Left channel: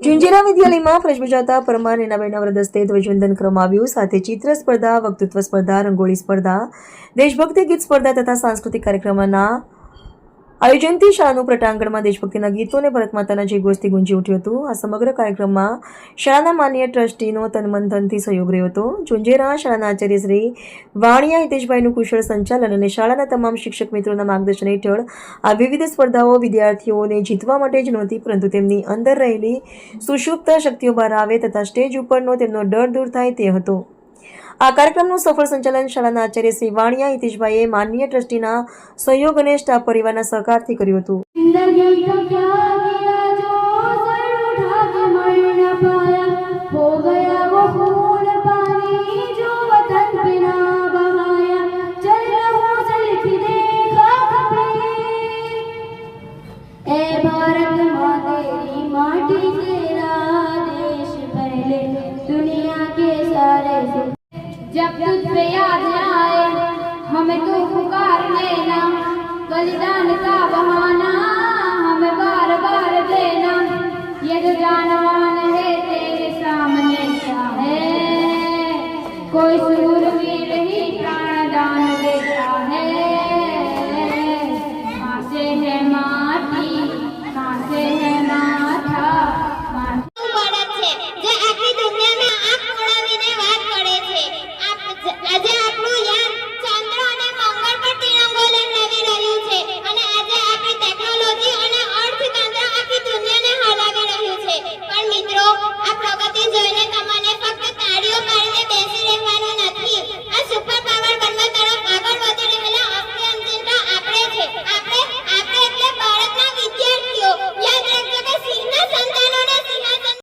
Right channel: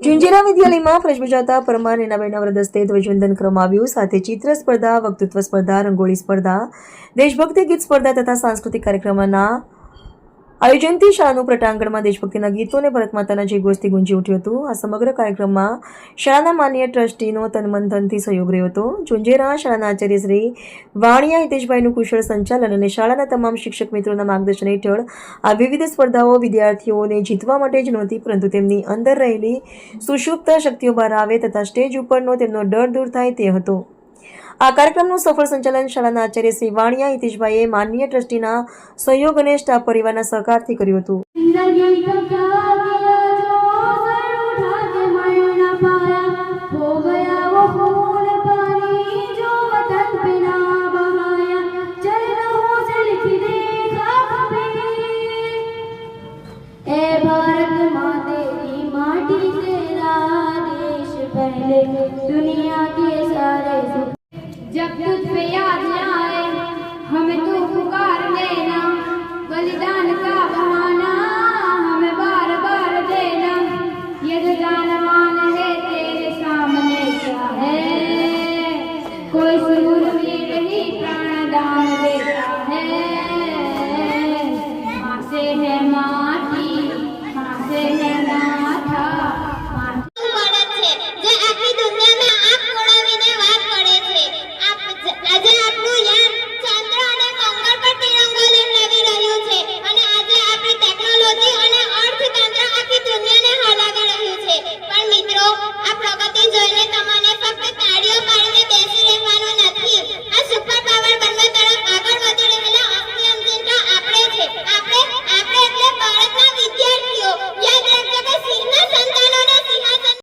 ચુંજેરા વિદ્યાલયમાં ફરજ બજાવતા પરમાર નીનાબેનના વરદ હસ્તે ધ્વજવંદન કરવામાં આવ્યું. સાથે ચિત્ર સ્પર્ધા, વક્તૃત્વ સ્પર્ધા, રંગોળી સ્પર્ધા, દેશભક્તિ ગીત સ્પર્ધા તથા સાંસ્કૃતિક કાર્યક્રમના આયોજનથી શાળાનું પટાંગણમાં દેશભક્તિના ગીતો અને ભારત માતાના જય ઘોષથી ગુંજી ઉઠ્યું હતું. આ સમગ્ર કાર્યક્રમમાં શાળાના માનનીય ટ્રસ્ટીનો તનમનધનથી સહયોગ રહ્યો હતો. ચુંજેરા શાળાના આચાર્ય શ્રી વાણિયા હિતેશભાઈનું કુશળ સંચાલન અને શાળાના તમામ શિક્ષક મિત્રોના માર્ગદર્શન હેઠળ આ વિવિધ સ્પર્ધાઓ વિદ્યાર્થીઓને જીતવા માટે જ નહોતી, પરંતુ તેમની અંદર રહેલી સુષુપ્ત શક્તિઓ બહાર આવે તથા સ્ટેજ ઉપરનો તેમનો ડર દૂર થાય તે હતો. આ કાર્યક્રમનું સફળ સંચાલન શાળાના આચાર્ય શ્રી વાણિયા હિતેશભાઈએ માનનીય ટ્રસ્ટીના સહયોગ અને સ્ટાફ પરિવારના સહકારથી કર્યું હતું.